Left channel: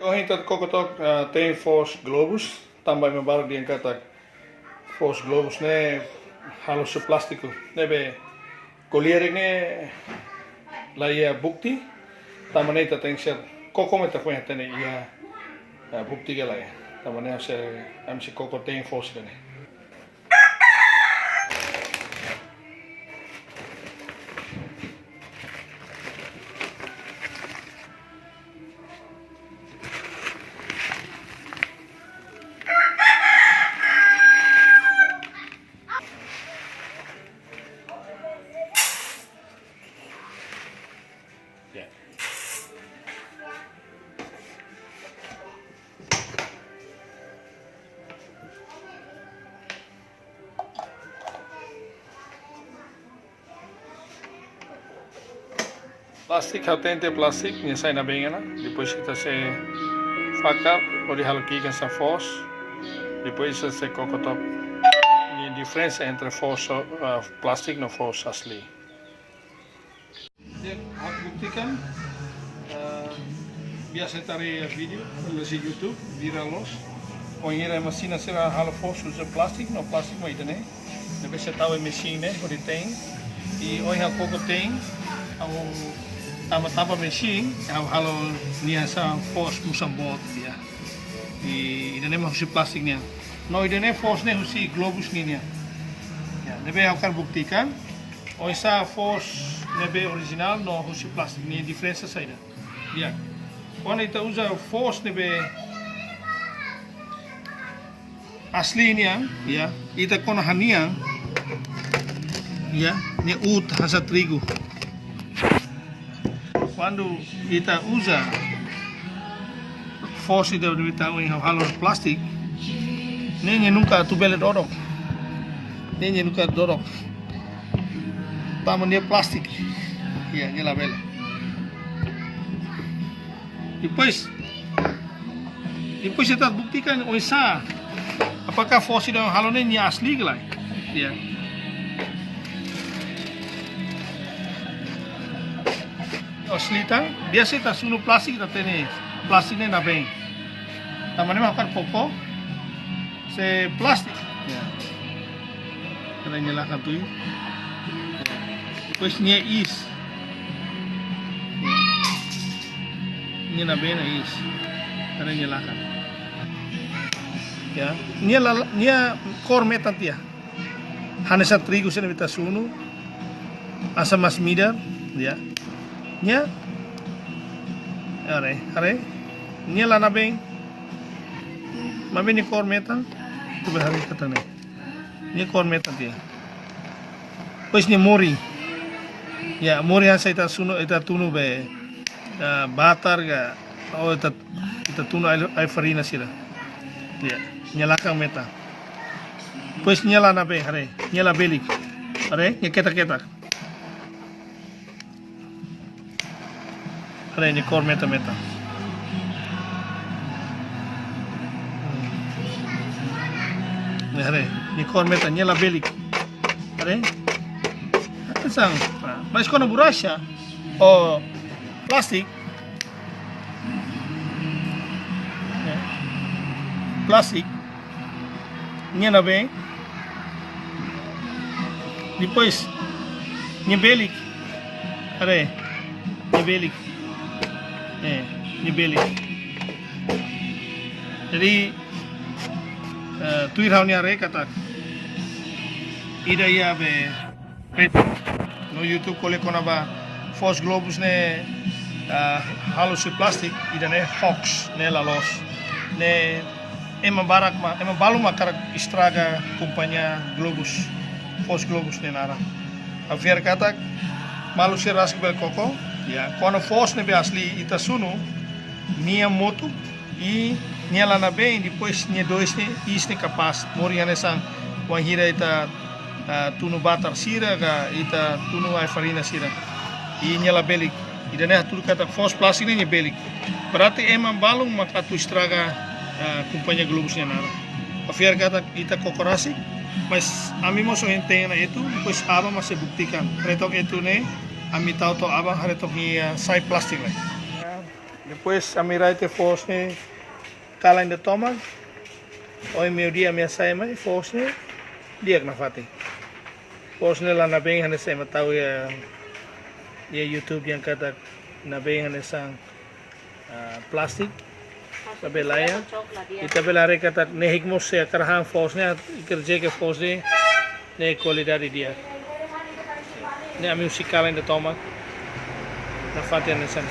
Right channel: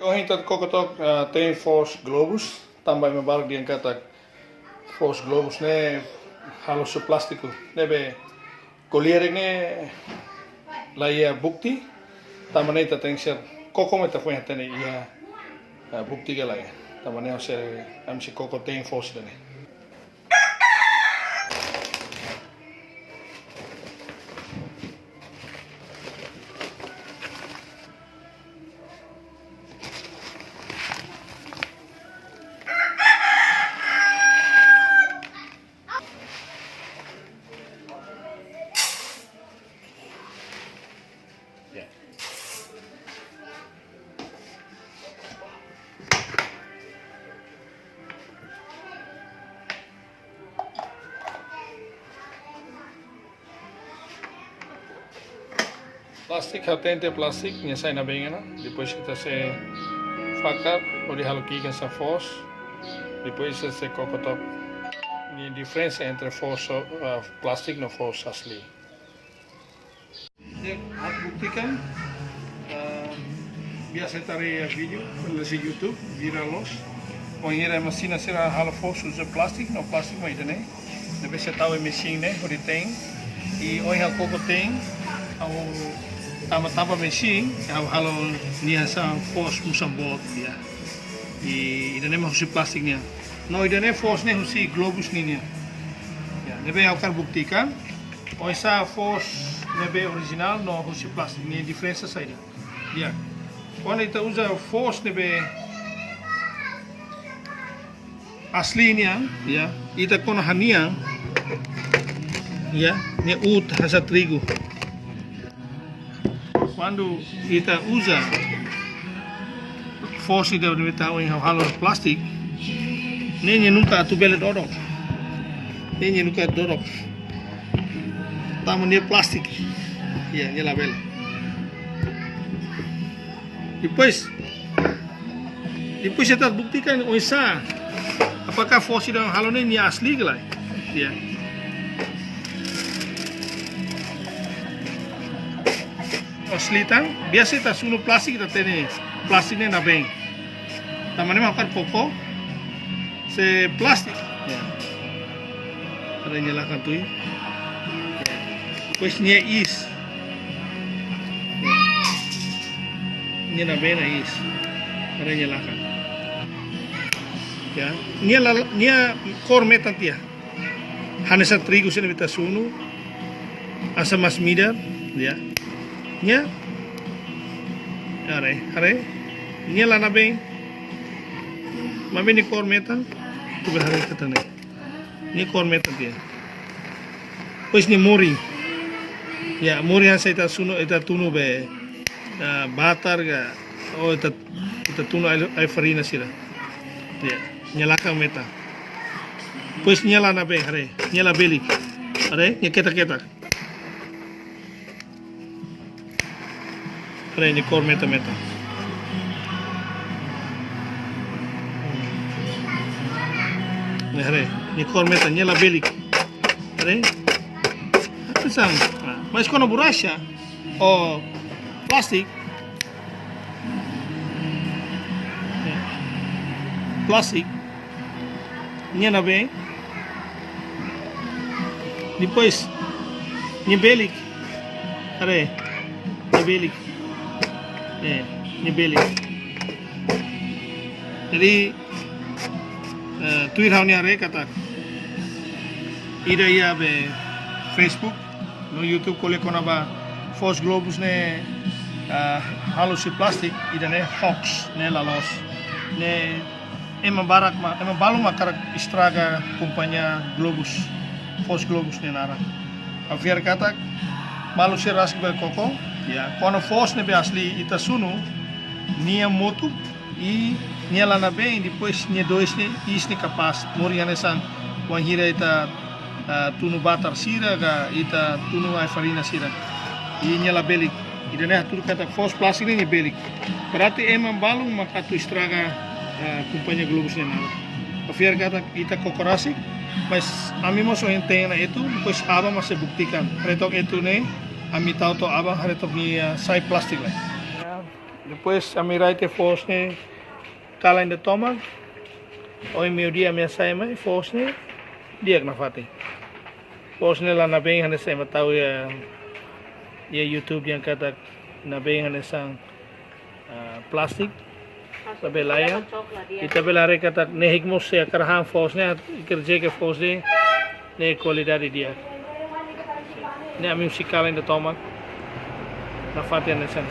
Kung hintat kokotok tem force globus, também me barco de kata force globus ne halo su plástico nebe colierek ne la ia bukti tamane ta tem ser koko meta foi tene ia bukti gala ia tamane se am se koko tem force tene. Yeah. Plastic hatente plastic nya sai na bengena depois kita se fakar ori halo kikan sa force depois se kokotop ni diferença entre force plastic no force asli. Aku buktikan biasa tarik video di YouTube viralos. Wanneer een machine será halo force usa plastic, no plastic maar idane. Dan bisa tahu machine ne hori tem. E hoje hal pouco tem ao tama machine halo nia sa force musam bot ya. E idane mah usi plastic nia. No idane force ne usi globus nia. Ya, nebe akan buktikan. Hoje sa force nebe original no usi plastic nia diferença saída. Ya. Quando kita usa force nebe aslinya ya ita kono hania ya ne ut hasa trigo quando ita usa force ita nebe tahu yang halo plastik nenye nunca tubele dorok nenye nunca dorok tamu ne plastik ya ne label depois kita buktikan oisa apakah force yang halo ini asli lah ya. Asli tang biasa kita sunu plastik kita tene plastiknya na beng tamane makan pokok se plastik ya. Ada nyalakan tuh pues nia is nia na beng na is ada nyalakan ya nia kor metan tia hanesa trigo sene vita sunu asa mas mida ya nia are nia lana beng ni kor metan tu behari katane ni kor metan tia pues ni mori ya mori hasa ita sunu ita tunu be batar ga oh ita tunu ay farina sila ya nyalakan meta pues nyala na be hare nyala belik hare nyeketa hare ni kor meta ni hare ni kor meta nyala belik hare sang mas kono burasha o plastik nia na bem depois ni belik are ni belik jadi tuir hau ni are kata ida ia be Facebook no YouTube kole kona ba force globus ne halo si plastik ida ne hoax ne lalos ne ema balum akarak estraga companhia globus force globus ne nara a ver kata malu se rasik bel koko ya quando force ne be asli ita sunu nia moto e nia lá na bem depois nia dois ne isne capaz moriane sang wanhira ita tunu batar sira ga ita tunu ai farina sira e nia la belik ida ne tur kata force plus ini belik berarti emang balum maka tu estraga companhia globusnya nada. Afiar kata kita kokorasi, mas ami mo so hintay na ito, depois abang mas buktikan. Retok ito ne, ami tao to abang haretok ni sai plastic lah. Depois a miraite fosne kala in de tomak. Oi meu dia minha saima fosne dia na fati. Fosne lá na bem hane saima tau ya YouTube yang kata na bem hane sang plastik labelaya. Ita belare kata nehik mo se karhang fosne kerja ke fosne ne qualidade dia. Ne a music kala in de tomak na fati hane sang.